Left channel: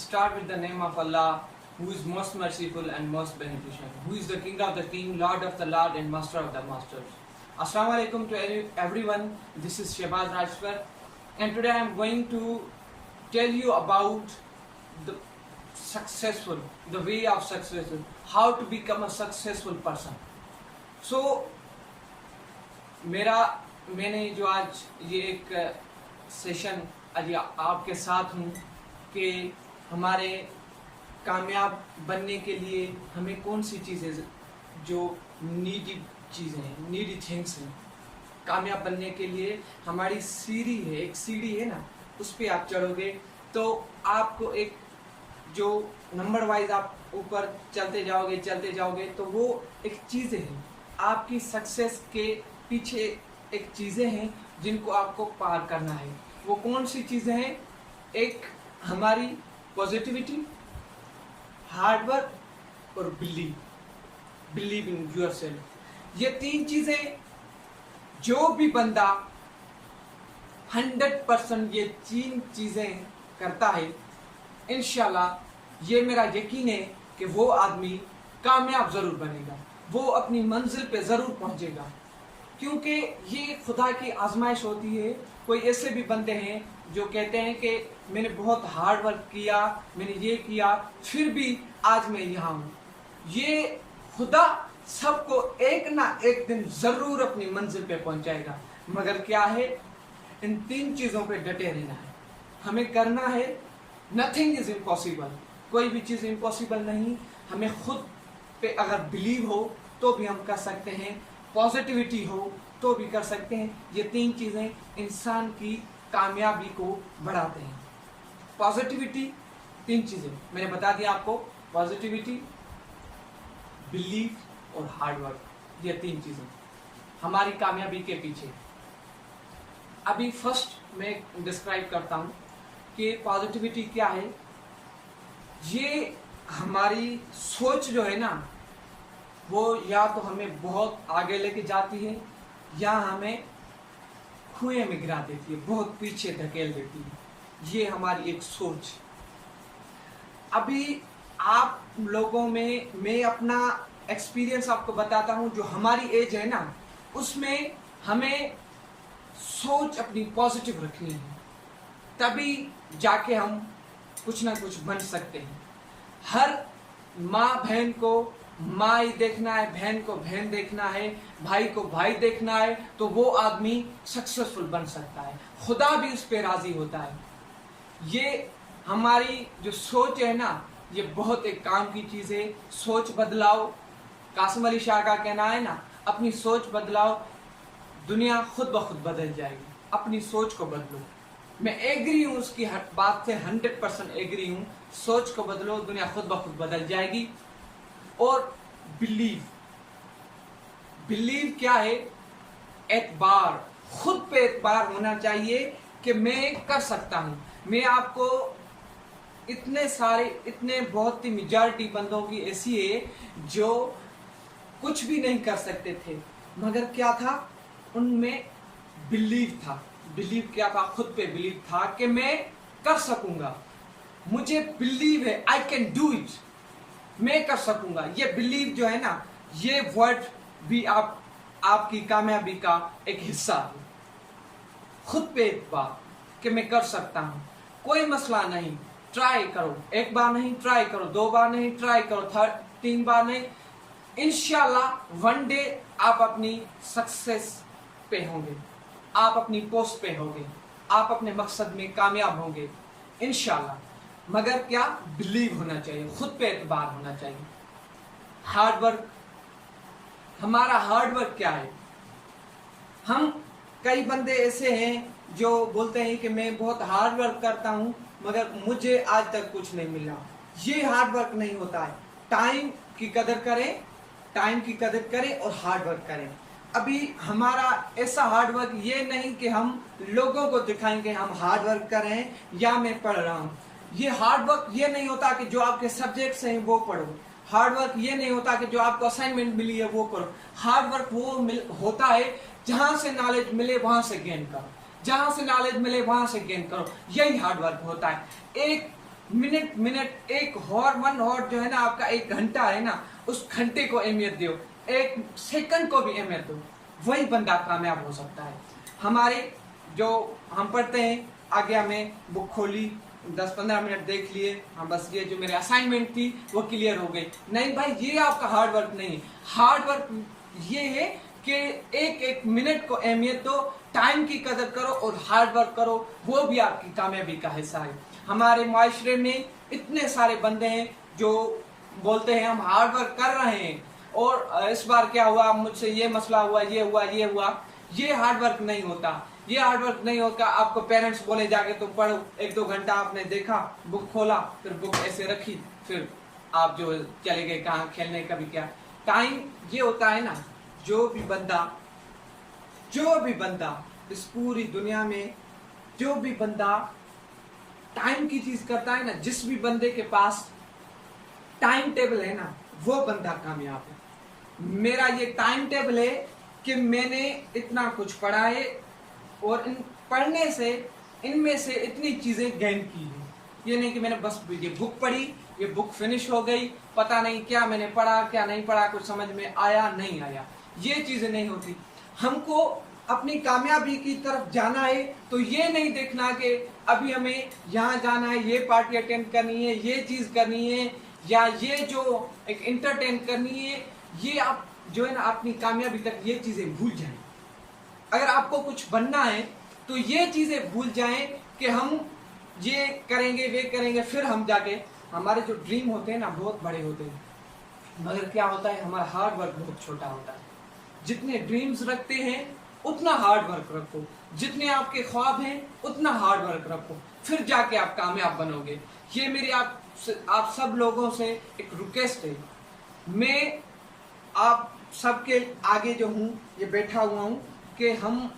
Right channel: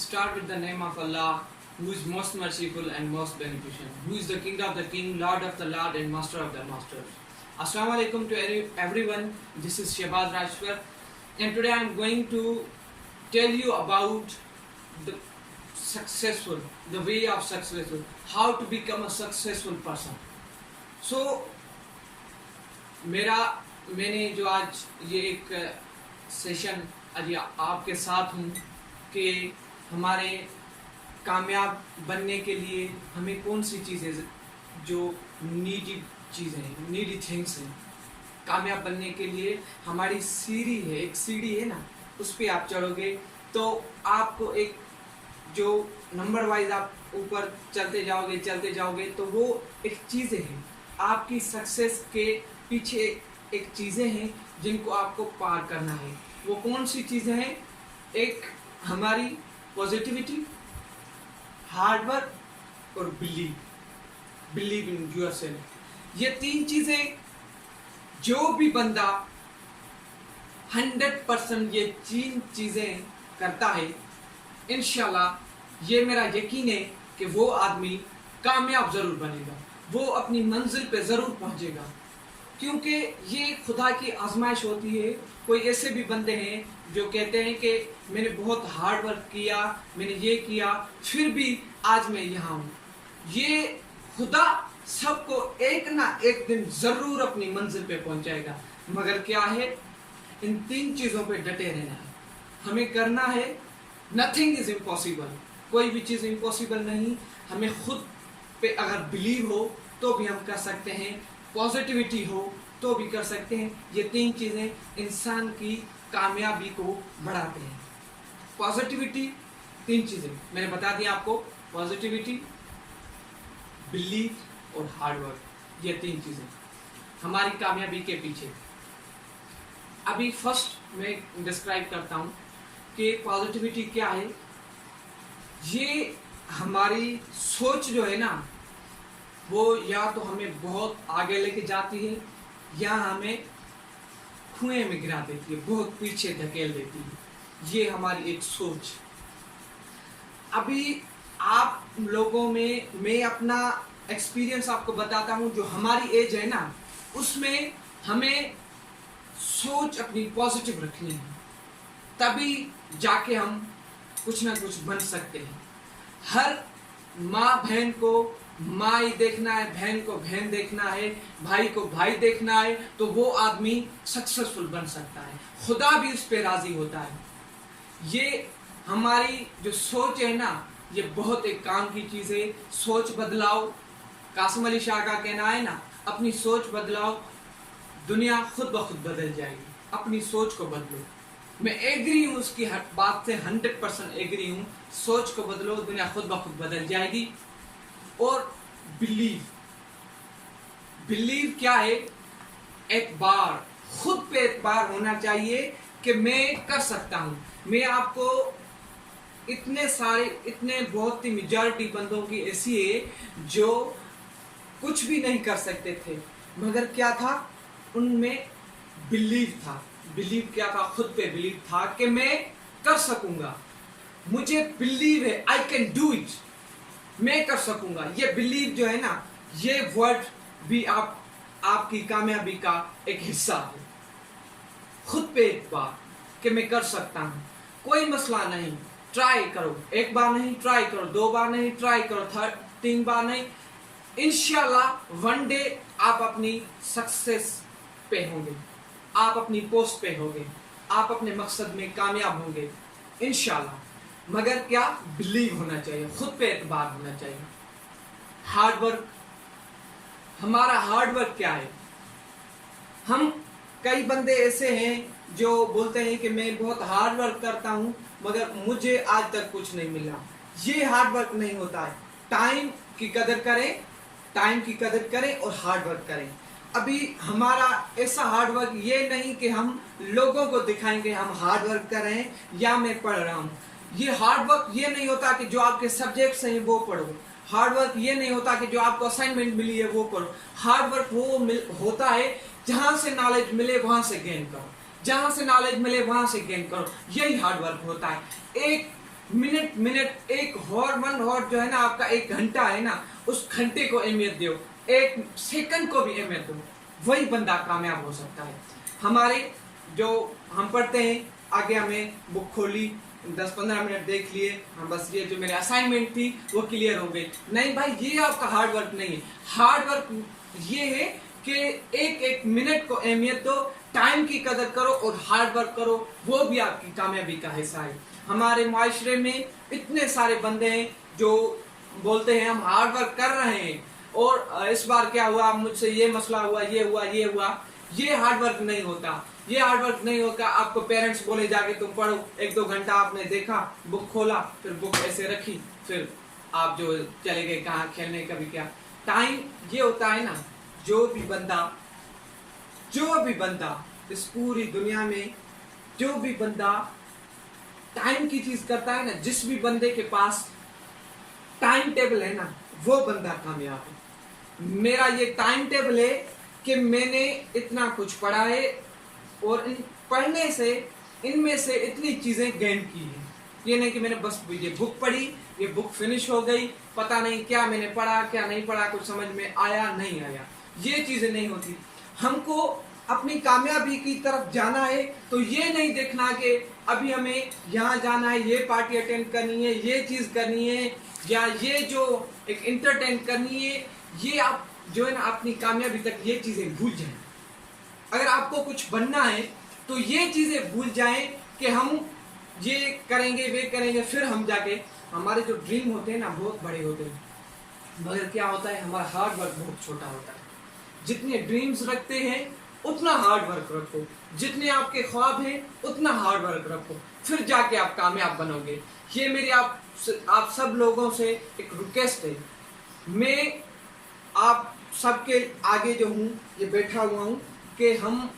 start with the name of Allah, who is most merciful and most beneficent, who is the King of the King, Lord of the Lord, and Master of the Masters. Assalamu alaikum to everyone. This is Shehbaz Rajwar, and today I am going to tell you about the way of successful, how to become a successful person. So, मैंने जो आज ये एक session आज आपके साथ हूँ कि हमारे कामयाब बनने के लिए हमें कौन सी चीज़ें जो नीडी थिंग्स हैं, कामयाब बनने के लिए हमारी सीढ़ी है, एक सीढ़ी है ना, उस पर आप चढ़ोगे तो आपको एक जो नंबर वाइज आप ऊपर चलते जाओगे तो वो एक चीज़ें हैं, आपकी सक्सेस के पीछे एक चीज़ें हैं जिनको आपको पार करना है। वो कौन सी चीज़ें हैं? एक हमारी पॉजिटिविटी, हार्ड वर्क और बिलीव इन योरसेल्फ। ये तीन चीज़ें जो भी बंदा 100% ये तीन चीज़ें करता है, इंशाल्लाह ये मेरा यकीन है कि वो आदमी कामयाब ज़रूर बनेगा, वो अपनी मंजिल पे ज़रूर पहुंचेगा, क्योंकि ये खुदा की आजमाइश होती है। कोई ऐसे भी बंदे हैं जो कहते हैं कि मैंने बहुत हार्ड वर्क किया, मैंने ये किया, फिर भी आज मैं यहाँ हूँ। ये खुदा सबको एक ना एक दिन ज़रूर अपनी मंजिल पे पहुँचाएगा, मगर क्या है, इन तीन चीज़ों पे डटे रहना है। हमें करना है, नथिंग इज़ इम्पॉसिबल, कोई भी चीज़ इम्पॉसिबल नहीं। हमें खुद पे अगर बिलीव हो तो भी हम कर सकते हैं, पॉजिटिविटी हो तो भी कर सकते हैं। ये तीन चीज़ें इंसान की कामयाबी को बढ़ाते हैं। पॉजिटिविटी, तीन चीज़ें मैंने बता दिया आपको, पॉजिटिविटी, बिलीव और हार्ड वर्क, ये तीन चीज़ें हमारी कामयाबी के पीछे। अभी फर्स्ट मैं डिस्क्राइब करता हूँ कि पॉजिटिविटी क्या है। ये हमारी सोच जो है ना, वो या तो हमें बहुत आगे लेके जाती है या हमें कुएं में गिरा देती है, बहुत पीछे धकेल देती है। ये हमारी एक सोच। अभी आप लोगों में मैं अपना एक्सपीरियंस आपको बताता हूँ। जो हमारी एज है ना, उसमें हमें सोच अपनी पॉजिटिव रखनी है, तभी जाके हम कुछ ना कुछ बन सकते हैं। हर माँ बहन को माँ ही देखना है, बहन को बहन देखना है, भाई को भाई देखना है, तो वो आदमी सक्सेसफुल बन सकता है, खुदा भी उस पर राजी होता है। ये हमारी जो सोच है ना, ये बहुत एक काम की चीज़ है। सोच बदलाओ, कासिम अली शाह का कहना है ना, अपनी सोच बदलाओ, दुनिया खुद ब खुद बदल जाएगी। अपनी सोच को बदलो। मैं एग्री हूँ उसकी बात से, 100% एग्री हूँ। सोच को बदलो, दुनिया खुद ब खुद बदल जाएगी। और बिलीव क्या है? एतबार, खुद पे एतबार होना चाहिए कि मैं कर सकता हूँ। मैं आपको इतने बहुत ही मेजॉरिटी बंदों की ऐसी है जो कुछ भी नहीं कर सकते थे, मगर क्या था, उनमें बिलीव था। बिलीव क्या था? खुद पे बिलीव था कि मैं कर सकूंगा, मुझे बिलीव है, आई कैन डू इट, मैं कर सकूंगा। ये बिलीव जो है ना, ये वर्ड भी आपकी कामयाबी का एक हिस्सा है। खुद पे एतबार कि मैं कर सकता हूँ, कोई मसला नहीं, ट्राई करो। एक बार नहीं ट्राई करो, 2 बार नहीं ट्राई करो, 3 बार नहीं, इंशाल्लाह वन डे आप अपनी सक्सेस पे होंगे, आप अपनी पोस्ट पे होंगे, आप अपने मकसद में कामयाब होंगे इंशाल्लाह। मगर क्या? बिलीव होना चाहिए, खुद पे एतबार होना चाहिए। हार्ड वर्क, हमारा हार्ड वर्क क्या है? हम कई बंदे ऐसे हैं जो बोलते हैं कि मैं बहुत हार्ड वर्क करता हूं, मगर मुझे आज तक कुछ नहीं मिला। ये हार्ड वर्क नहीं होता है। टाइम की कदर करें और हार्ड वर्क करें। अभी हमारा ऐसा हार्ड वर्क ये नहीं कि हम लोगों को दिखाएंगे हम हार्ड वर्क कर रहे हैं या मैं पढ़ रहा हूँ। ये हार्ड वर्क ये नहीं होता कि जो आपके सब्जेक्ट्स हैं वो पढ़ो। हार्ड वर्क ये नहीं होता कि जो आपको असाइनमेंट मिली है वो करो। हार्ड वर्क वो होता है जहाँ से नॉलेज मिले वहाँ से गेन करो, जहाँ से नॉलेज मिले वहाँ से गेन करो। यही हार्ड वर्क होता है। एक मिनट मिनट एक हॉर वन हॉर जो है ना आपका 1 घंटा है ना, उस घंटे को अहमियत दो, 1 सेकंड को भी अहमियत दो, वही बंदा कामयाब हो सकता है। हमारे जो हम पढ़ते हैं, आगे हमें बुक खोली, 10-15 मिनट देख लिए, हम बस ये जो मेरे असाइनमेंट थी वो क्लियर हो गई। नहीं भाई, ये आपका हार्ड वर्क नहीं है। हार्ड वर्क ये है कि एक एक मिनट को अहमियत दो, टाइम की कदर करो और हार्ड वर्क करो, वो भी आपकी कामयाबी का हिस्सा है। हमारे माशरे में इतने सारे बंदे हैं जो बोलते हैं हम हार्ड वर्क कर रहे हैं, और इस बार क्या हुआ, मुझसे ये मसला हुआ, ये हुआ, ये हुआ। ये हार्ड वर्क नहीं होता, ये हार्ड वर्क नहीं होगा। आपको पेरेंट्स बोले जाके तुम पढ़ो, 1-2 घंटा आपने देखा, बुक खोला, फिर बुक ऐसे रखी, फिर आप जो चले गए कहाँ खेलने, कभी क्या। टाइम ये होता है ना, जो भी बंदा इस पूरी दुनिया में जो भी बंदा टाइम की चीज करता है ना, जिस भी बंदे के पास टाइम टेबल है ना, वो बंदा कामयाब है। मेरा ये टाइम टेबल है कि मैंने इतना कुछ पढ़ा है और इन पढ़ने से इनमें से इतनी चीजें गेन की हैं। ये नहीं कि मैंने बस ये बुक पढ़ी, ये बुक फिनिश हो गई, पता नहीं क्या मैंने पढ़ा क्या नहीं पढ़ा, कुछ समझ में आया नहीं आया, ये चीजें नहीं होती। हमको अपनी कामयाबी की तरफ जाना है तो ये नहीं देखना कि अभी हमें यहाँ जाना है, ये पार्टी अटेंड करनी है, ये चीज करनी है, या ये जो एक इंटरटेन करनी है। ये आप जो है ना अपनी कामयाबी तक ये चीजें भूल जाएं। अगर आपको कुछ बनना है तो ये चीजें भूल जाएं कि हम ये करेंगे वे करेंगे, फिर हम जाके हमारे जो ड्रीम होते हैं ना बहुत बड़े होते हैं, मगर क्या होता है हमारा हार्ड वर्क बहुत छोटा होता है। जितने ड्रीम्स रखते हैं उतना हार्ड वर्क रखो, जितने आपके ख्वाब हैं उतना हार्ड वर्क रखो, फिर जाके आप कामयाब बनोगे। ये मेरी आप सब लोगों से एक रिक्वेस्ट है। मैं आप सबके आगे जो हूँ ये बैठा हुआ हूँ कि हम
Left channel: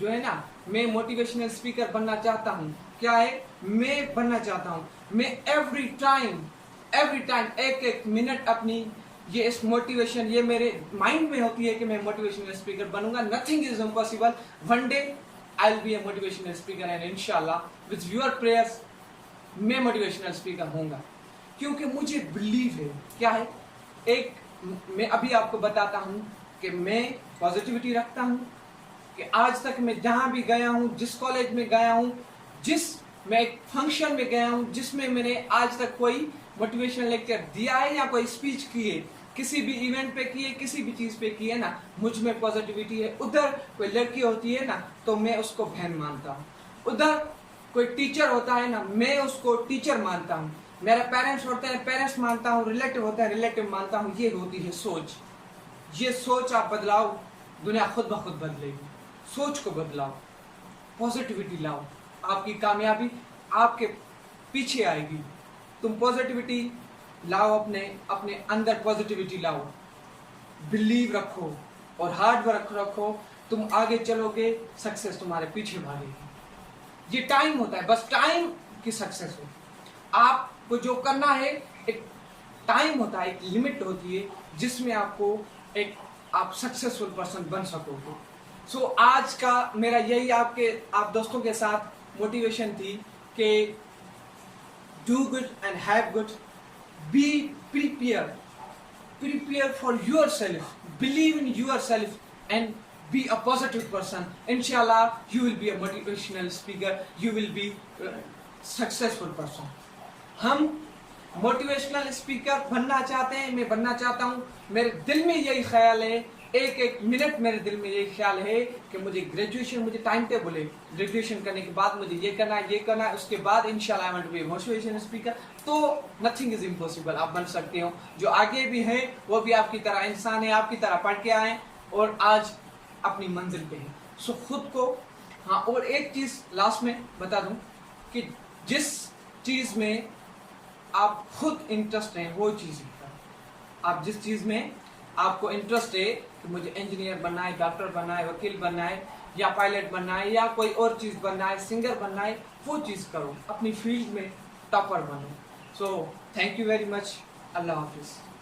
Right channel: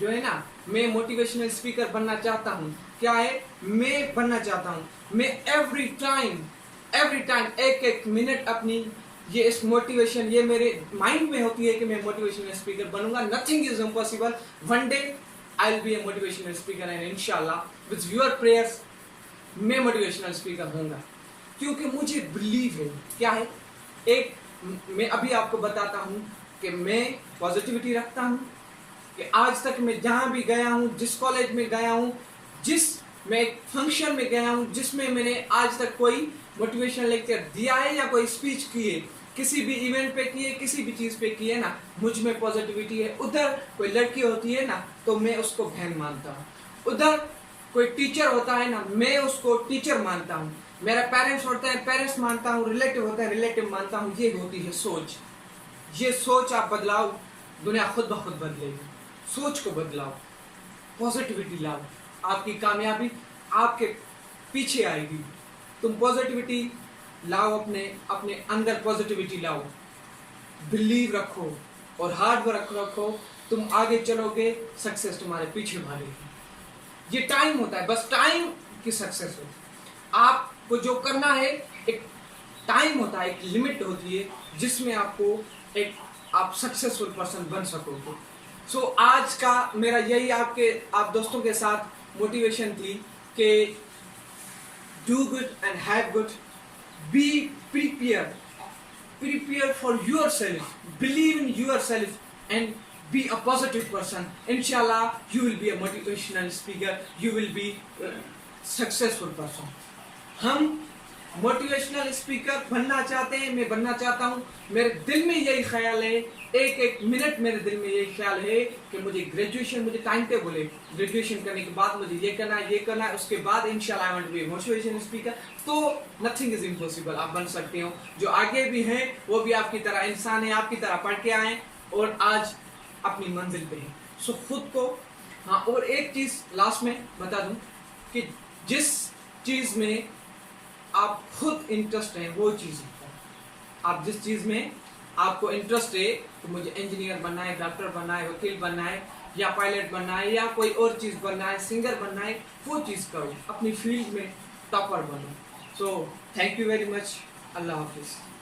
जो है ना, मैं मोटिवेशनल स्पीकर बनना चाहता हूँ। क्या है, मैं बनना चाहता हूँ। मैं एवरी टाइम एक मिनट अपनी ये इस मोटिवेशन, ये मेरे माइंड में होती है कि मैं मोटिवेशनल स्पीकर बनूंगा। Nothing is impossible. One day I will be A motivational speaker and इंशाल्लाह विद योर प्रेयर्स मैं मोटिवेशनल स्पीकर होऊंगा, क्योंकि मुझे बिलीव है। क्या है, एक मैं अभी आपको बताता हूँ कि मैं पॉजिटिविटी रखता हूँ कि आज तक मैं जहाँ भी गया हूँ, जिस कॉलेज में गया हूँ, मैं एक फंक्शन में गया हूँ जिसमें मैंने आज तक कोई मोटिवेशनल लेक्चर दिया है या कोई स्पीच की है, किसी भी इवेंट पे की है, किसी भी चीज पे की है ना, मुझ में पॉजिटिविटी है। उधर कोई लड़की होती है ना तो मैं उसको बहन मानता हूँ, उधर कोई टीचर होता है ना मैं उसको टीचर मानता हूँ, मेरा पेरेंट्स होता है पेरेंट्स मानता हूँ, रिलेटिव होता है रिलेटिव मानता हूँ। ये होती है सोच। ये सोच आप बदलाओ, दुनिया खुद ब खुद बदलेगी। सोच को बदलाओ, पॉजिटिविटी लाओ, आपकी कामयाबी आपके पीछे आएगी। तुम पॉजिटिविटी लाओ, अपने अंदर पॉजिटिविटी लाओ, बिलीव रखो और हार्ड वर्क रखो, तुम आगे चलोगे, सक्सेस तुम्हारे पीछे भागेगी। ये टाइम होता है, बस टाइम की सक्सेस होती है। आपको जो करना है एक टाइम होता है, एक लिमिट होती है जिसमें आपको आप सक्सेसफुल पर्सन बन सकोगे। सो आज का मेरा यही आप दोस्तों के साथ मोटिवेशन थी कि do good and have good, be prepare for yourself, believe in yourself and be a positive person. Inshallah you will be a motivational speaker, you will be a successful person. हम motivational speaker बनना चाहते हैं, मैं बनना चाहता हूँ। मेरे दिल में यही ख्याल है, एक मिनट मेरे दिल में यही ख्याल है कि मुझे टाइम टेबल है, ग्रेजुएशन करने के बाद मुझे ये करना है, उसके बाद इंशाल्लाह I want to be motivational speaker. तो नथिंग इज इम्पॉसिबल, आप बन सकते हो। जो आगे भी हैं वो भी आपकी तरह इंसान है, आपकी तरह पढ़ के आए और आज अपनी मंजिल पे हैं। सो खुद को और एक चीज लास्ट में बता दूं कि जिस चीज में आप खुद इंटरेस्ट हैं वो चीज आप जिस चीज में आपको इंटरेस्ट है, तो मुझे इंजीनियर बनना है, डॉक्टर बनना है, वकील बनना है, या पायलट बनना है, या कोई और चीज बनना है, सिंगर बनना है, वो चीज करो, अपनी फील्ड में टॉपर बनो। So thank you very much, Allah Hafiz.